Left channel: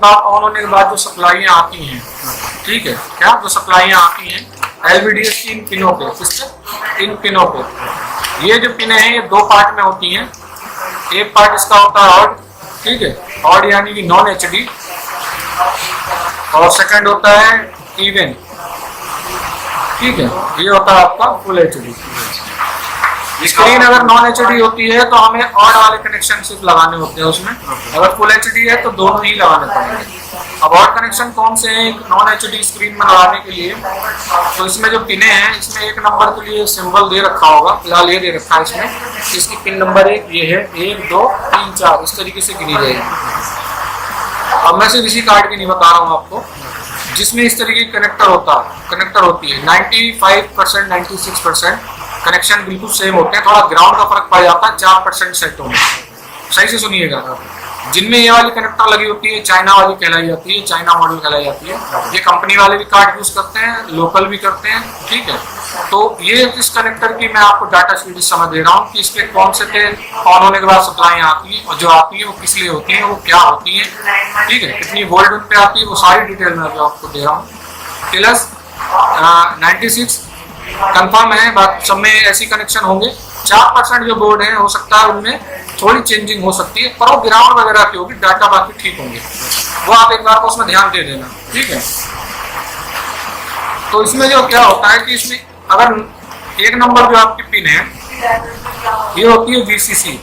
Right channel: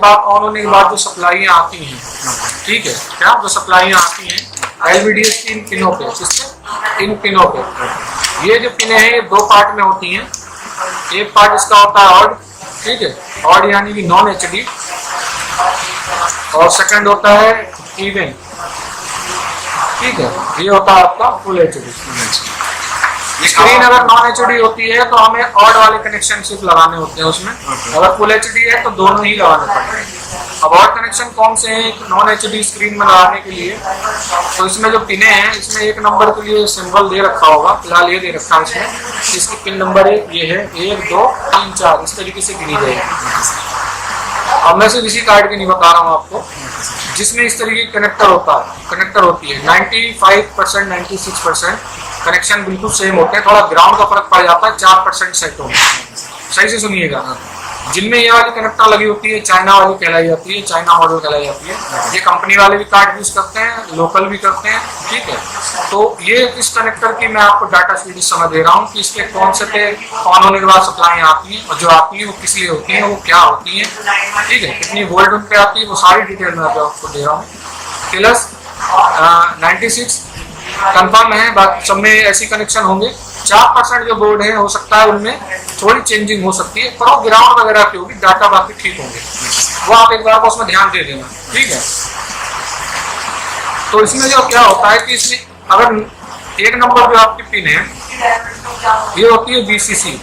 बाद ऑन होने के बाद जो सप्लाईयाँ आती हैं, ठीक है, क्या जो सप्लाईयाँ आती हैं एलवीडीएस की इन पिनों पे, किससे, इन पिनों पे। ये जो पिनें हैं ये दो पार्ट में होती हैं। एक पार्ट इसका होता है ऑड, ठीक है, ऑड यानी कि नॉन एचडी, और सेकंड होता है इवन, ठीक है, ये होता है आपका फुल एचडी। स्क्रीन अगर नॉन एचडी होती है तो हमें ऑड वाले कनेक्शन सिर्फ लगाने होते हैं उसमें, अगर फुल एचडी है तो दोनों ही लगाने पड़ेंगे। अब ऑड कनेक्शन कौन से हैं नॉन एचडी स्क्रीन में लगाने के लिए? तो इसमें जो पिने हैं इसमें एक नंबर के लिए सिंबल दे रखा होगा, फिलहाल ये दे रखा है इसमें, इसकी पिन नंबर एक ये है, 1 2 3 4 इस तरीके से गिनी जाएगी। अब मैं सिर्फ इसी कार्ड की नहीं बता रहा हूँ आपको, जिसमें इस तरीके की कनेक्टर होती है 95% 96% कनेक्शन बिल्कुल सेम होते हैं, थोड़ा ग्राउंड का फर्क पड़ जाता है 4% सेटों में। सही से सुनिएगा, जिनमें ये वाली कनेक्टर लगी होती है चाइना वाली कहलाई जाती है, चाइना मॉडल कहलाई जाती है। ये कंपनी वाले भी कार्ड यूज करते हैं, लोकल भी करते हैं, ठीक है। तो ये इस कनेक्टर की मैं आपको डाटा शीट समझ दे रहा हूँ कि इसके कौन से पे ऑन होने के बाद सप्लाई आती है, और जो आती है वो किस लिए होती है, वो क्या होती है, ठीक है, कितनी वोल्ट उन पे आती है, वो सारी डिटेल मैं आपको दे रहा हूँ। प्लस 96 कंफर्म है, बाकी सब में ऐसी कनेक्शन होंगे। 4% जो बोर्ड है हो सकता है उनमें थोड़ी चेंजिंग हो सकती है, पर वो ग्राउंड वगैरह की होगी, डाटा बाकी ठीक होंगे, वो आप एक बार को उसमें ध्यान दे देना, ठीक है। तो इसमें जो क्या होता है कि इसमें अगर एक नंबर जो आपकी पिन है ये होती है VCC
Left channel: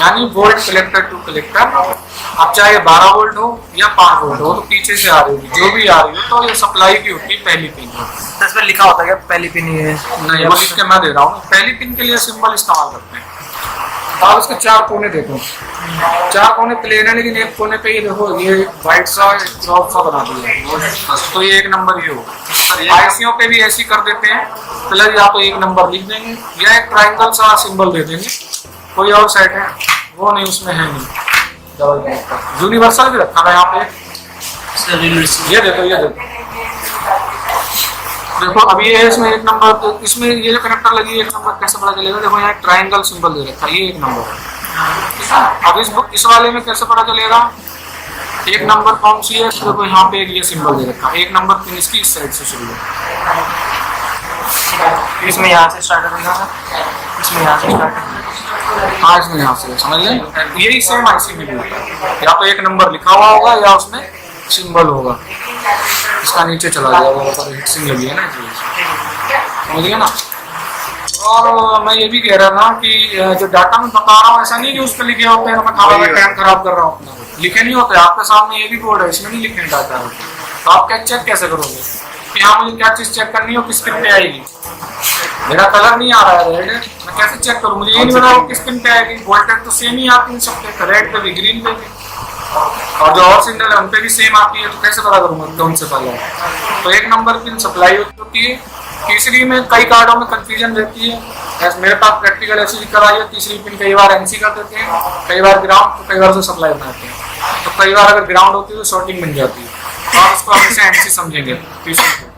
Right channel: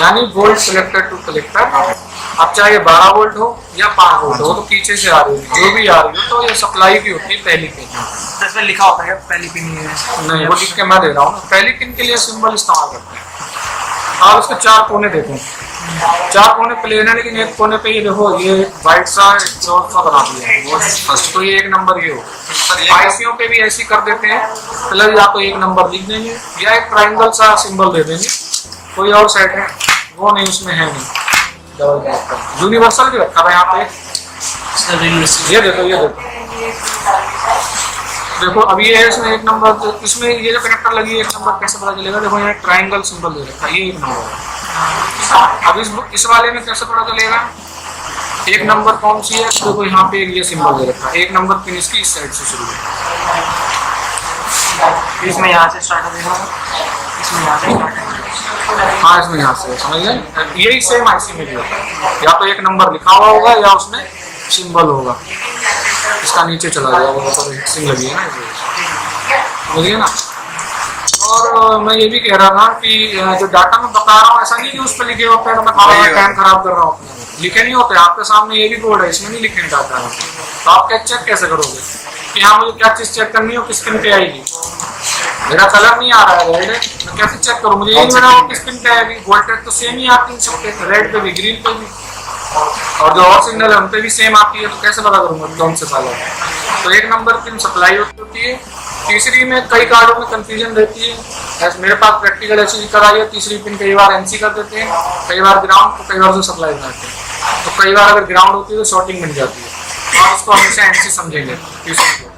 यानी वोल्ट कलेक्टर टू कलेक्टर। अब चाहे 12 वोल्ट हो या 5 वोल्ट हो, तो पीछे से आ रही है जो भी आ रही हो, तो ये सप्लाई की होती है पहली पिन। तो इसमें लिखा होता है क्या पहली पिन ही है? नहीं, वो लिख के मैं दे रहा हूँ। पहली पिन के लिए सिंबल इस्तेमाल करते हैं। आप इसके 4 कोने देखो, 4 कोने प्लेन है, लेकिन एक कोने पे ये देखो ये व्हाइट सा ड्रॉप सा बना दिया है, तो ये एक नंबर ये हो। आईसीओ पे भी ऐसी कर देते हैं, प्लस या तो एक नंबर लिख देंगे या एक ट्राइंगल सा सिंबल दे देंगे। कोई और सेट है वो नहीं, उसमें है नहीं। यूनिवर्सल भी रखा है यहाँ पे, ये देखो, ये देखो, देखो अभी ये इसमें एक नंबर, तो इसमें ये जो कनेक्टर लगी है एक नंबर कैसे पता चलेगा? देखो यहाँ ट्राइंगल सिंबल दे रखा है, ये एक नंबर है। अब इस वाले में कैसे पता चलेगा एक नंबर कौन सी है? देखो यहाँ पे ये सिंबल दे रखा है, एक नंबर पिन इसकी इस साइड से शुरू है, इसमें यहाँ से स्टार्ट होगा, इसमें यहाँ से स्टार्ट होगा। हाँ, इसमें यहाँ से समझ लें। यही सेम आईसी में भी होता है, या तो एक नंबर लिखा हुआ होगा या उसमें सिंबल होगा, इसका नीचे चला जाएगा, ऊपर हिट्सिंग लगी है ना, समझिए ना। और मैं ये भी कह रहा था कि जो डाटा मैं बता रहा हूँ ऐसा नहीं कि उस पर लिखे होते हैं, मैं टाइम खराब कर रहा हूँ अपना, लिखे नहीं होते। आपके सामने ये भी बोर्ड है, इसमें नहीं लिखे डाटा होते, तो आप क्या चेक कैसे करोगे कि हाँ मुझे क्या चीज़ चेक करनी हो, किस पिन पे आएगी? मेरा कलर नहीं आ रहा है रेड, मैं कैसे चेक करूँ? मुझे ये नहीं पता किस पिन पे आएगी। वोल्टेज तो सेम ही आती है सबके, रेड पे भी ग्रीन पे भी, और जो और सिग्नल है उन पे भी सेम आती है, तो कैसे पता करूँगा कौन से पहला? तो एक नंबर पिन सप्लाई होती है। तीसरी में कई कार्डों में कंफ्यूजन रहती है, जैसे मेरे पास प्रैक्टिकल ऐसी कराई है, तीसरी पिन कई बार NC कर देते हैं, कई बार ग्राउंड, तो कई बार से सप्लाई बनाते हैं। तो कई बार अगर ग्राउंड होती है तो शॉर्टिंग बन जाती है, और उसको हमेशा NC समझेंगे तीसरी को।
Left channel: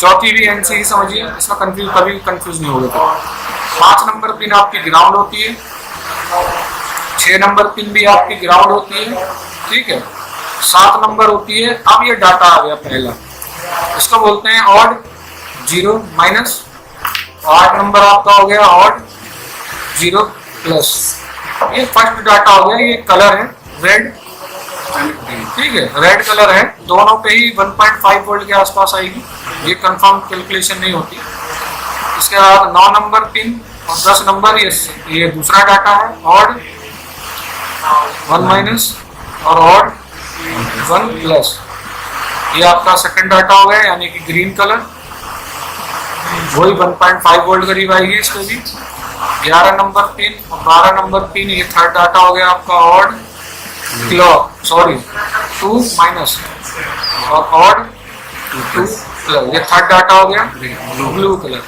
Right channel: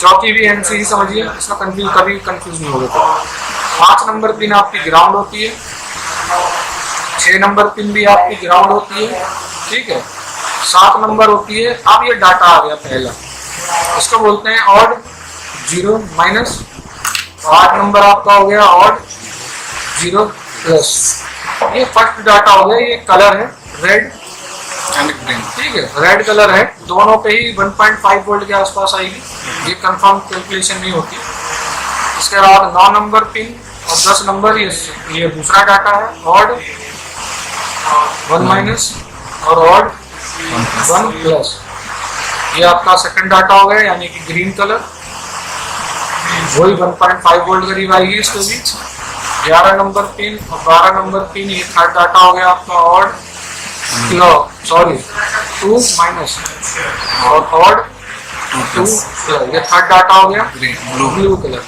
चौथी भी NC ही समझिए, इसमें कभी कंफ्यूज नहीं होगा। तो 5 नंबर पिन आपकी ग्राउंड होती है, 6 नंबर पिन भी आपकी ग्राउंड होती है, ठीक है। 7 नंबर होती है, अब ये डाटा आ गया पहला, इसको बोलते हैं ऑड 0 माइनस। 8 नंबर आपका हो गया ऑड 0 प्लस। ये फर्स्ट डाटा हो गया, ये कलर है रेड, ठीक है, रेड कलर है, दोनों पे ही 1.5 वोल्ट के आसपास आएगी, ये कंफर्म कैलकुलेशन नहीं होती। इसके बाद 9 नंबर पिन और 10 नंबर, ये दूसरा डाटा है, ऑड 1 माइनस और ऑड 1 प्लस। ये आपका सेकंड डाटा हो गया, यानी कि ग्रीन कलर, वही 1.5 वोल्ट करीब आएगी इसको भी। 11 नंबर पिन और 12 नंबर पिन, ये थर्ड डाटा हो गया आपका ऑड 2 माइनस और ऑड 2 प्लस। ये थर्ड डाटा हो गया ब्लू कलर,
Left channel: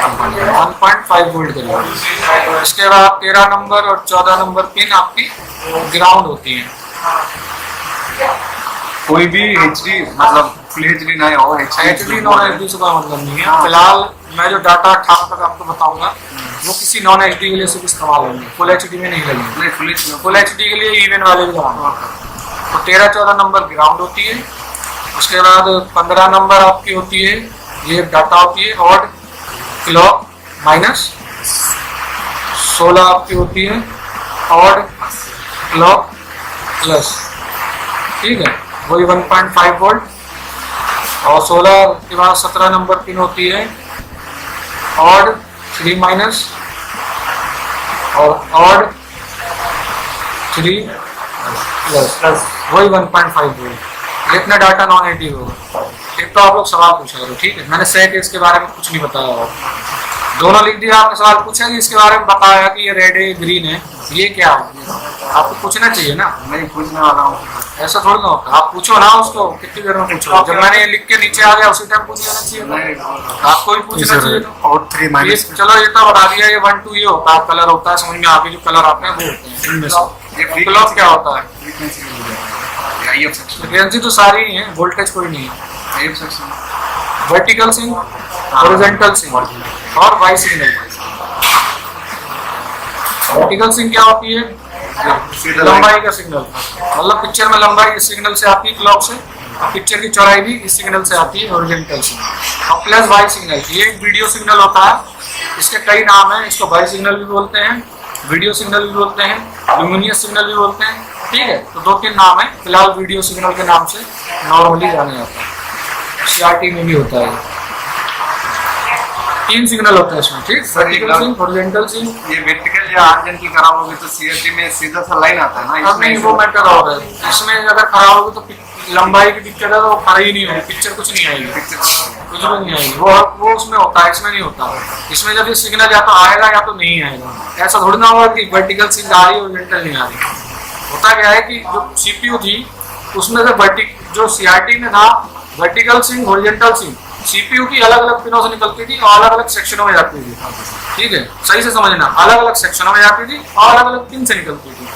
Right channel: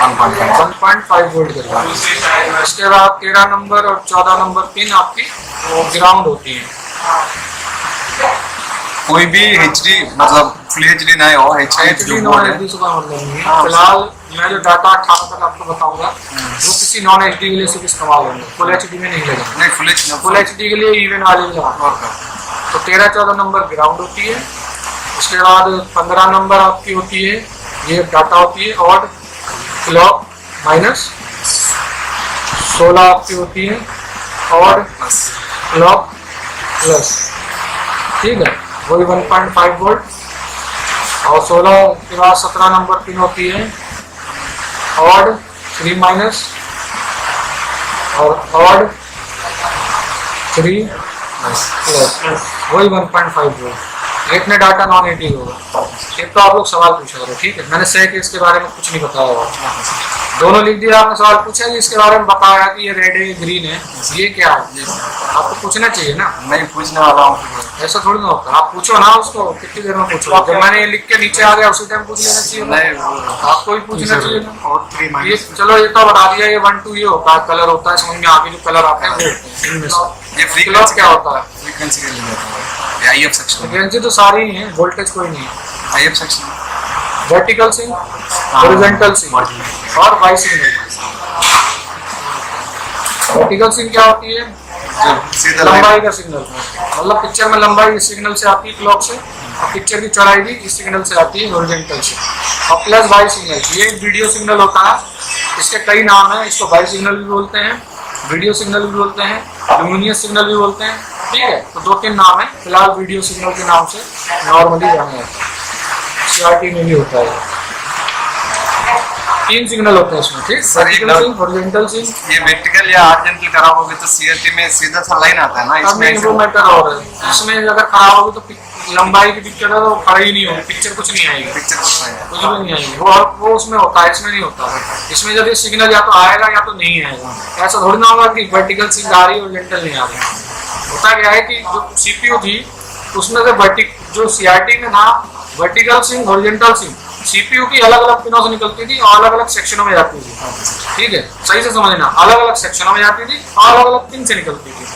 1.5 वोल्ट करीब। इसके बाद 13 नंबर और 14 नंबर पिन आपकी ग्राउंड होती है। कोई भी HD मतलब फुल HD नहीं हो, HD नॉन HD से कोई मतलब नहीं है। फिलहाल मैं जो डाटा खास कर आपको बताऊंगा वो किसी नॉन HD के लिए सिर्फ इस्तेमाल होंगे, फुल HD में नहीं लेंगे। नहीं, फुल HD के लिए इवन वाले भी लगाएंगे। तो 13-14 नंबर ग्राउंड होती है। उसके बाद 15 नंबर आपकी होती है, ये डाटा होती है ऑड क्लॉक माइनस। 16 आपकी होती है ऑड क्लॉक प्लस, ठीक है, वही 1.5 वोल्ट। और 16 के बाद 17 नंबर पिन होती है ऑड 3 माइनस और ऑड 3 प्लस, वही 1.5 वोल्ट। इतना डाटा नॉन एडिटिव होगा। एक तो आप लोग सवाल पूछ रहे हो, ठीक है, मैंने सेट इसके बारे में कुछ नहीं बताया हुआ, दोनों लिख दिया। आपने सवाल पूछा कि इसके बारे में बताया कि ये रेड है ग्रीन है, ये क्या है, आपको पूछना चाहिए ना। नहीं पूछने वाला हूँ, ऐसा थोड़ी ना होता, आप पूछो ना उसको, कितनी देर में पूछो। जब मैंने लिख के नीचे आ गया उसी टाइम पूछ लेना चाहिए, नहीं आपको भी पूछना चाहिए। और 3 ये माइनस चलो ये तो बता दिया, ये 1 2 ये होता है, कलर होता है, समझ में आ गया जो कलर आते हैं वो होते हैं इनमें से। ये क्लॉक क्या होता है? फ्रीक्वेंसी के लिए होता है। IF सेक्शन, फ्रीक्वेंसी तो सारी ही है, वोल्टेज कोई नहीं है। IF section, vertical sync, horizontal sync और वाई सिग्नल। वर्टिकल सिंक क्या होती है? जो सीधा लंबाई का सिग्नल, मतलब पिक्चर में लंबाई इस सिग्नल से आती है क्लॉक से, और पिक्चर की चौड़ाई भी इस सिग्नल से आती है हॉरिजॉन्टल से। और प्लस वाई सिग्नल, ये वीडियो सिग्नल होता है, इसके कई नाम हैं। इसको वाई सिग्नल भी बोलते हैं, वीडियो सिग्नल भी बोलते हैं, लुमिनियस सिग्नल भी बोलते हैं, ठीक है। तो 2-3 नाम है, फिलहाल वीडियो सिग्नल के नाम से नॉर्मली जाने जाता है। CRT में भी होता है, 3 सिग्नल होते हैं इसमें, ठीक। सर, एक वर्टिकल सिंक, हॉरिजॉन्टल सिंक, ये वर्टिकल या हॉरिजॉन्टल खराब होगी तो CRT में सीधा सा लाइन आता है ना, अब नहीं वो मैटर और है। इसमें अगर खराब होगी तो लंबाई की पिक्चर है तो वो खड़ी ही नहीं होगी, पिक्चर कुछ नहीं आएगी, पिक्चर कुछ भी नहीं आएगी। वो उसमें होता है, इसमें नहीं होता है। इसमें जब ये सिग्नल या तो आएगा या तो नहीं आएगा। ऐसा थोड़ी ना होगा कि वर्टिकल सिंक आ रही है हॉरिजॉन्टल नहीं आ रही। होता क्या है कि जो CPU थी उसमें से जो CRT में था vertical sync, horizontal sync, CPU की अलग अलग पिनों से निकलती थी और अलग अलग सेक्शनों में जाती थी, ठीक है, सही से समझना, अलग अलग सेक्शनों में जाती थी और अलग अलग पिन से निकलती थी।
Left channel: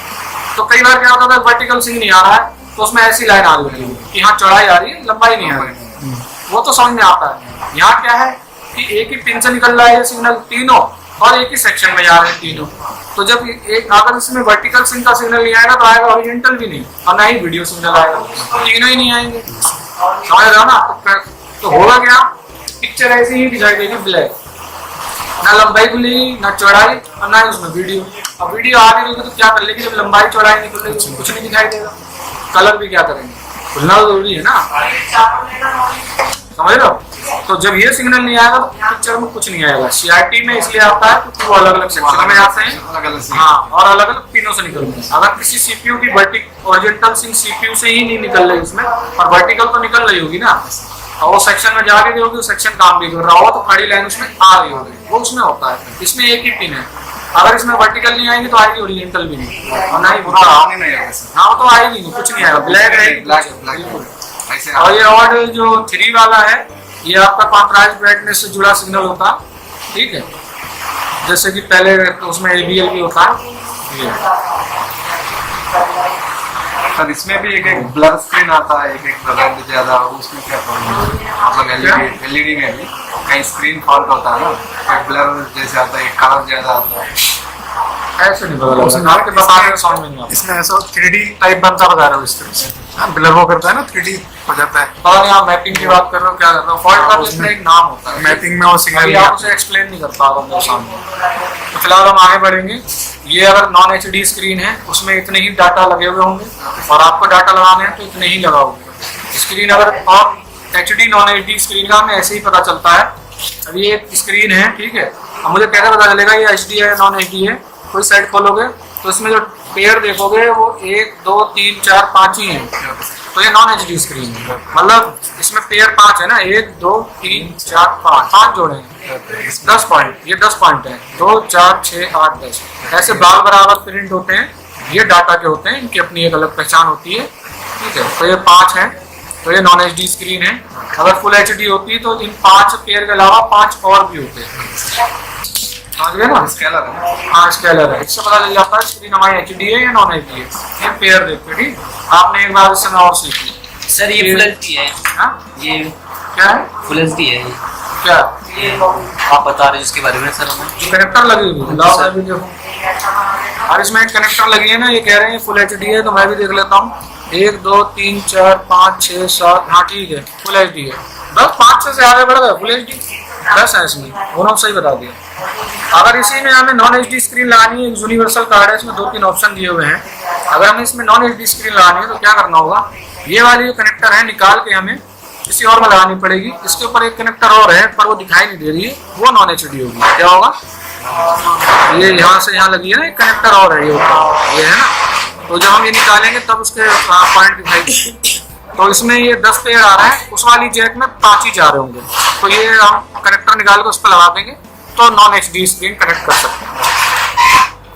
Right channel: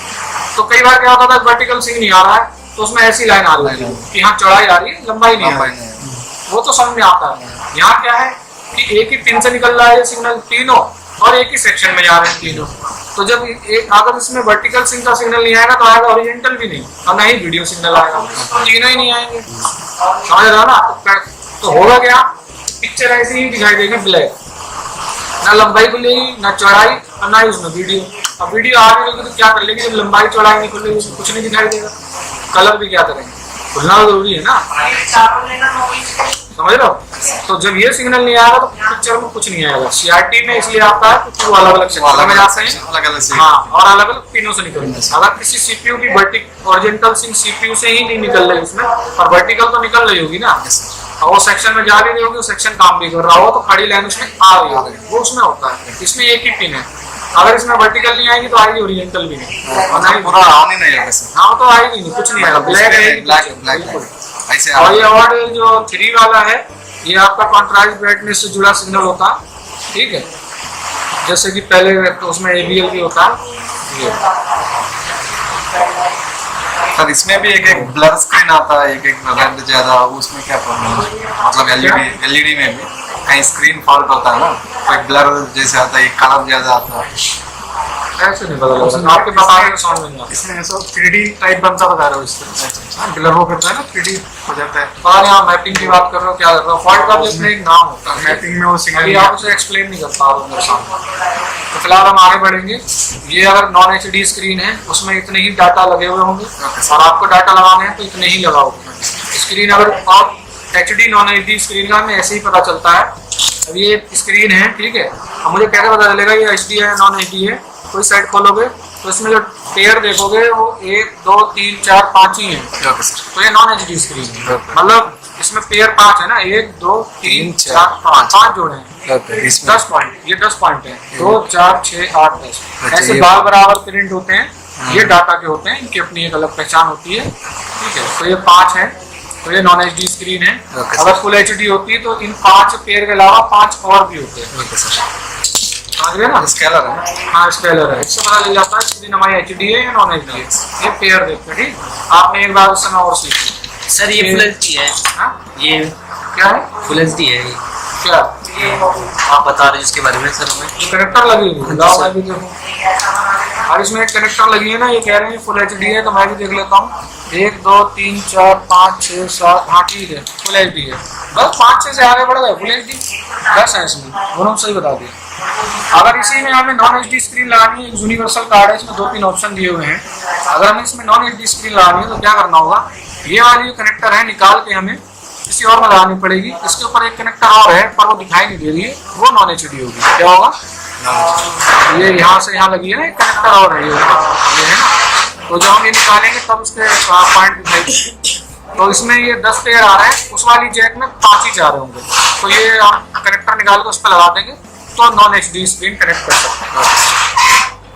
तो कई बार क्या होता था, वर्टिकल सिंक नहीं आ रहा है तो उसमें ऐसी लाइन आ रही है कि यहाँ चौड़ाई आ रही है, लंबाई नहीं आ रही है, वो तो समझ में आता है। यहाँ क्या है कि एक ही पिन से निकल रहा है सिग्नल तीनों और एक ही सेक्शन में जा रहे हैं तीनों। तो जब अगर इसमें वर्टिकल सिंक का सिग्नल नहीं आएगा तो आएगा हॉरिजॉन्टल भी नहीं, और ना ही वीडियो सिग्नल आएगा, तीनों ही नहीं आएंगे, समझ रहे हो ना। तो होगा क्या, पिक्चर ऐसी ही दिखाई देगी ब्लैक, ना लंबाई खुलेगी ना चौड़ाई और ना उसमें वीडियो। अब वीडियो आ रही होगी तो क्या कर लेगी, जब लंबाई चौड़ाई नहीं खुलेगी कुछ नहीं दिखाई देगा, कलर भी क्या करेंगे, खुलना तो जरूरी है ना, समझ लो। तो जब ये सिग्नल नहीं आएगा तो पिक्चर में कुछ नहीं आएगा। CRT में इसलिए आता है क्योंकि वो अलग अलग सेक्शन में आते हैं, हाँ, और अलग अलग पिनों से निकलते हैं। अगर किसी CPU की हॉरिजॉन्टल सिंक CPU से ही नहीं निकल रही उसमें, और वर्टिकल तो निकल रही होगी ना, और वो सेक्शन में जा रही होगी, वो सेक्शन काम भी कर रहा हो तो खड़ी लाइन उसमें आ रही होगी, वो उसमें होता है। इसमें एक ही पिन है, अगर इसमें वर्टिकल नहीं आएगी तो आएगी हॉरिजॉन्टल भी नहीं, और ना ही हाँ तो आएगी नहीं, कुछ नहीं आएगा, ब्लैक रहेगी। और ये और जो 3 वाला है ये आपका कॉन्ट्रास्ट ब्राइटनेस से जुड़ा सिग्नल होता है, ठीक है, जैसे कि पहले उसमें ABL भी होता है ये। सर इसमें भी एक ब्लर स्क्रीन आता है, एक रेड ज्यादा, उसमें क्या प्रॉब्लम है? मतलब LED में भी कहीं स्क्रीन फॉल्ट होता है ना, एक ब्लर जैसे आता है, एक कलर ज्यादा आता है, ऐसे नहीं पता लगता, आपके बता रहे समझ में नहीं आता। इसमें ऐसा 3D टाइप बनता बता रहा हूँ इस तरह से, ब्लर वो करता है ना, 3D हो जाता है। और यहाँ मैपिंग की बात कर रहे हो, क्या कर रहे हो, फॉल्ट का तो इसमें एक नाम होता है, मैपिंग में वो अभी सिग्नल आप उसे एक्सप्लेन नहीं कर पा रहा हूँ मेरे सामने। तो फिलहाल हम आगे बढ़ेंगे। ये अगर नॉन HD स्क्रीन है उसमें इतने ही डाटा लगे हुए होंगे, और आपको डाटा लगाने हैं तो इतने ही लगाओगे स्क्रीन। अगर आप HD नॉन HD स्क्रीन का हमें ऐसे ही पता चलता है। अब ये स्क्रीन है, ठीक है, अब मुझे कैसे पता चलेगा ये HD है नॉन HD है? कोई साइट खोलोगे तो इसमें जो पेयर देखोगे वो 1 2 3 4 5 ही है, तो ये नॉन HD स्क्रीन है। मतलब इसमें पेयर 5 है ना, 1 2 3 4 5 जोड़े हैं, 10 पॉइंट, ये 10 पॉइंट है, 2 4 6 8 10 ऐसे बाल बराबर प्रिंट होते हैं। ये डाटा के होते हैं, इनकी अपनी एक अलग पहचान होती है, ठीक है। तो ये 5 है, तो ये नॉन HD स्क्रीन है। अगर फुल HD होती है तो इन 5 पेयर के अलावा 5 और भी होते हैं, ना स्केलर है, हाँ स्केलर है। इससे पता चल जाता है स्क्रीन हमारी HD है या नॉन HD है। ये पेयर देखते हैं, ठीक। आपने एक बार इससे और सीखी सर, ये फुल एचडी है। हाँ? ये क्या है? फुल एचडी है ये। क्या ये आप बता रहे हैं जिसके बारे में सर हमें। कनेक्टर लगी हुई है, और इसमें एक कनेक्टर लगी है ना, ये कह रहे हैं फुल HD है, तो मैं भी देख लेता हूँ। 1 2 3 4 5 6 7, हाँ ठीक है, फुल एचडी है। बस 5-6 से आगे बढ़ गए, फुल एचडी 10 है इसमें, दोनों सही बता दिए। अगर इसी में हमें नॉन एचडी स्क्रीन लगानी है, यूनिवर्सल कार्ड है, इसमें 2-3 ऑप्शन दिए हुए हैं। अगर हमें इसमें नॉन एचडी स्क्रीन लगानी है तो क्या करना होगा, ये वाली जो कनेक्टर है निकाल के हमें किसी और में लगानी पड़ेगी। इसके ऊपर एक कनेक्टर और है पर वो दिखाई नहीं दे रही है, वो नॉन एचडी होगी। क्या होगा, ये यहाँ से यहाँ लगी है ना, एक कनेक्टर और है ये ऊपर, ये है ना। तो जब हम ये निकालेंगे तब उसके पॉइंट दिखाई देंगे। तो इसमें ये 10 पेड़ आ रहे हैं, उस वाली जैक में 5 ही जा रहे होंगे। तो ये हम कनेक्टर निकाल के उस पर लगा देंगे तो नॉन एचडी स्क्रीन कनेक्ट कर सकते हैं।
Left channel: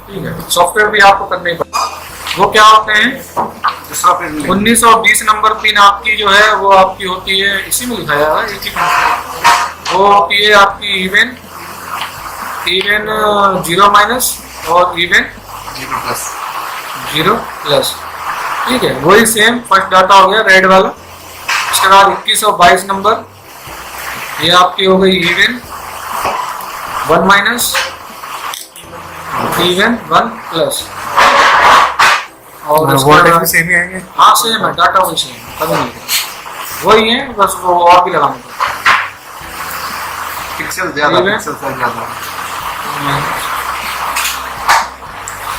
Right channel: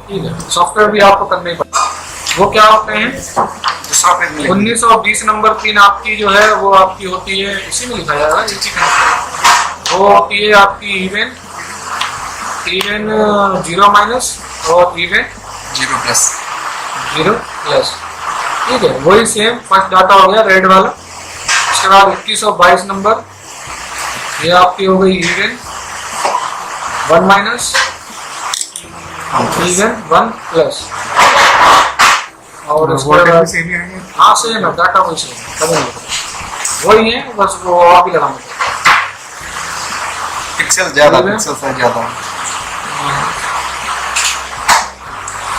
ठीक है, सॉफ्टवेयर भी आपको करने ही पड़ेगा। वो क्या होते हैं, दूसरा पेज 1920 नंबर पिन आपकी जो है वो आपकी होती है, इसी में लिखा जाएगा, वो होती है आपकी इवन 0 माइनस और इवन 0 प्लस। ठीक है, वही सेम फर्स्ट डाटा हो गया रेड वाला। उसके बाद 2122 नंबर, ये आपकी हो गई इवन 1 माइनस इवन 1 प्लस। और उसके बाद सेम ही आएंगे। हाँ सेम है, डाटा वही सेम है, कभी नहीं लिखा। वही है, बस वो आप ही लगाना पिक्सल ज्यादा, Even? पिक्सल साइज ज्यादा।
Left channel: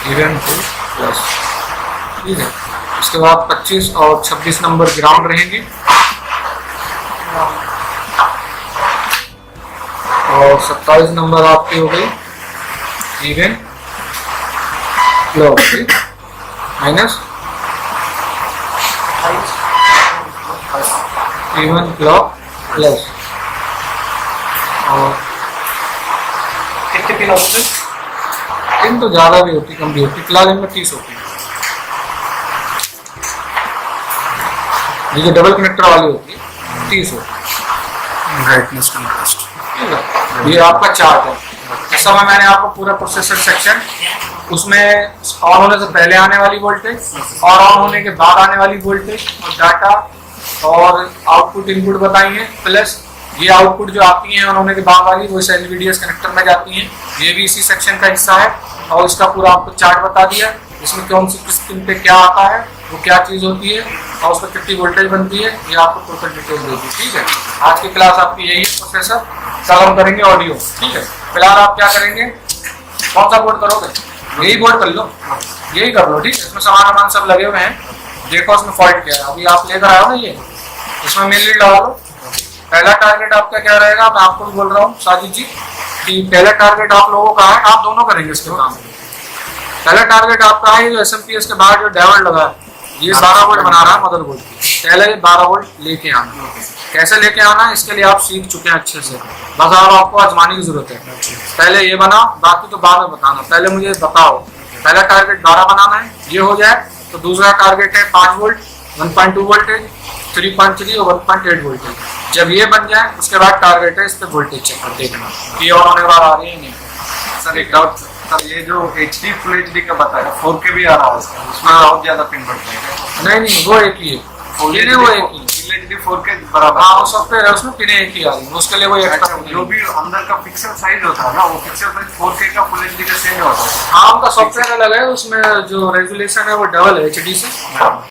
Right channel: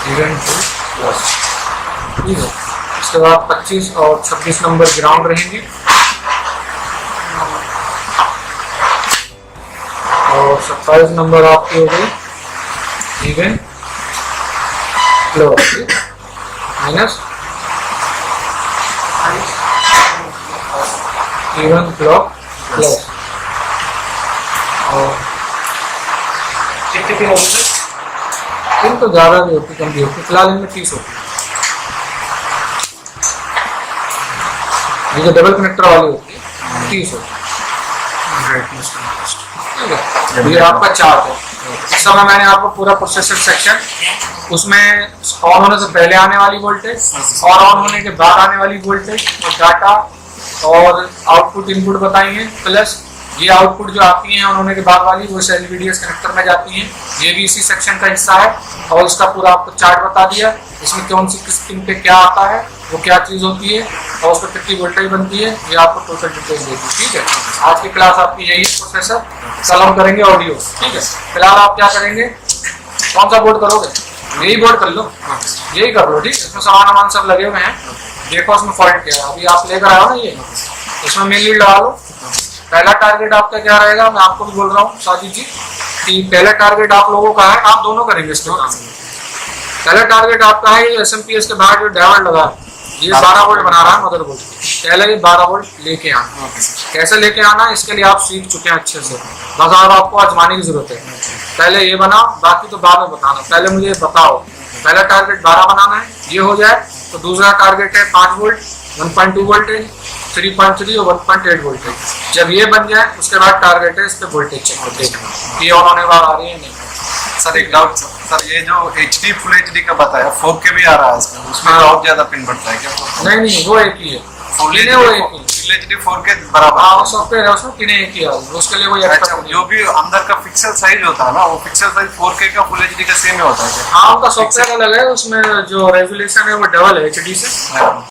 Even 2 plus. ठीक है, उसके बाद 25 और 26 नंबर ग्राउंड रहेंगे और 27 नंबर आपकी हो गई even plus minus even plus. और कितने पिन होते हैं? इन तो ज़्यादा भी होती, कम भी होती, फिलहाल इनमें 30 होती है। ये जो डबल कनेक्टर वाली होती है 30 होती है। ठीक है, ये आपका चार्ट है। इस समय मैंने आपको पूरा प्रोसेसर सेक्शन, उसमें ऑन होने से पहले आने वाली वोल्टेज और ऑन होने के बाद आने वाली वोल्टेज और डाटा और आउटपुट इनपुट बताई है। प्लस ये आउटपुट जो आती है ऑन होने के बाद वाली वो एलवीडीएस कनेक्टर में जाती हैं, ये भी इसी सेक्शन का हिस्सा है। और इसका पूरा आपको चार्ट बता दिया, इसमें कौन सी किस पिन पे क्या आता है, वो क्या चीज़ होती है और उस पर कितनी वोल्टेज बनती है, ये आपको टोटल डिटेल्स देगी। ठीक है, आज की क्लास आपकी यही है प्रोसेसर। कल हम करेंगे ऑडियो। ठीक है, फिलहाल आप क्या करेंगे, कौन सा बोर्ड करोगे, यही बोर्ड कर लो, यही कर लो। ठीक है, इसमें सामान सब लगे हुए हैं, देखो उसमें फॉल्ट क्या है। अभी आप लेकर आओ ना, ये इसमें मेन लीड लगा लो। पहला टारगेट आपका क्या रहेगा, मैं आपको भी बोल रहा हूँ साजिद जी कि पहला टारगेट आप लोगों का है, आप दोनों करेंगे इसके काम में। पहला टारगेट आपका है जो एसएमपीएस के बाहर जो डायोड लगा है, ये 12 वोल्ट बना रहा है मदरबोर्ड की। पहले ये 12 वोल्ट लेके आना, कैसे लेके आना इसके लिए आप सीख चुके हैं अच्छे से, बस अब आपको आजमाने की जरूरत है। पहले ये बनाओ, बाकी तो बाद में बताना, पहले मुझे बताओ। पहला टारगेट 12 बनाना है, ये हो जाए तो दूसरा टारगेट है 5 वोल्ट 1.2 वोल्टेज 3.3 और 1.8 वोल्टेज। जब ये बन जाए उसके बाद टारगेट है इस पे वोल्टेज चेक कर देखना ये ऑन होने वाला आ रही है नहीं। सर एक डाउट सर, ये जो HD फुल HD का बताया 4K भी आ रहा है इसका, उसमें बहुत ज्यादा पिन बढ़ता है क्या? नहीं, वो एक ही है, फुल पिन है वो एक ही। फुल HD 4K बराबर। हाँ, वो सॉफ्टवेयर है उसमें पिन एक ही आ रही है, उसके लिए वो अच्छा, जो भी अंदर का पिक्सल साइज होता है ना, वो पिक्सल साइज 4K का फुल HD का सेम ही होता है? हाँ, उनका सॉफ्टवेयर अलग है, उसमें जो रेजुलेशन है वो डबल है HD से।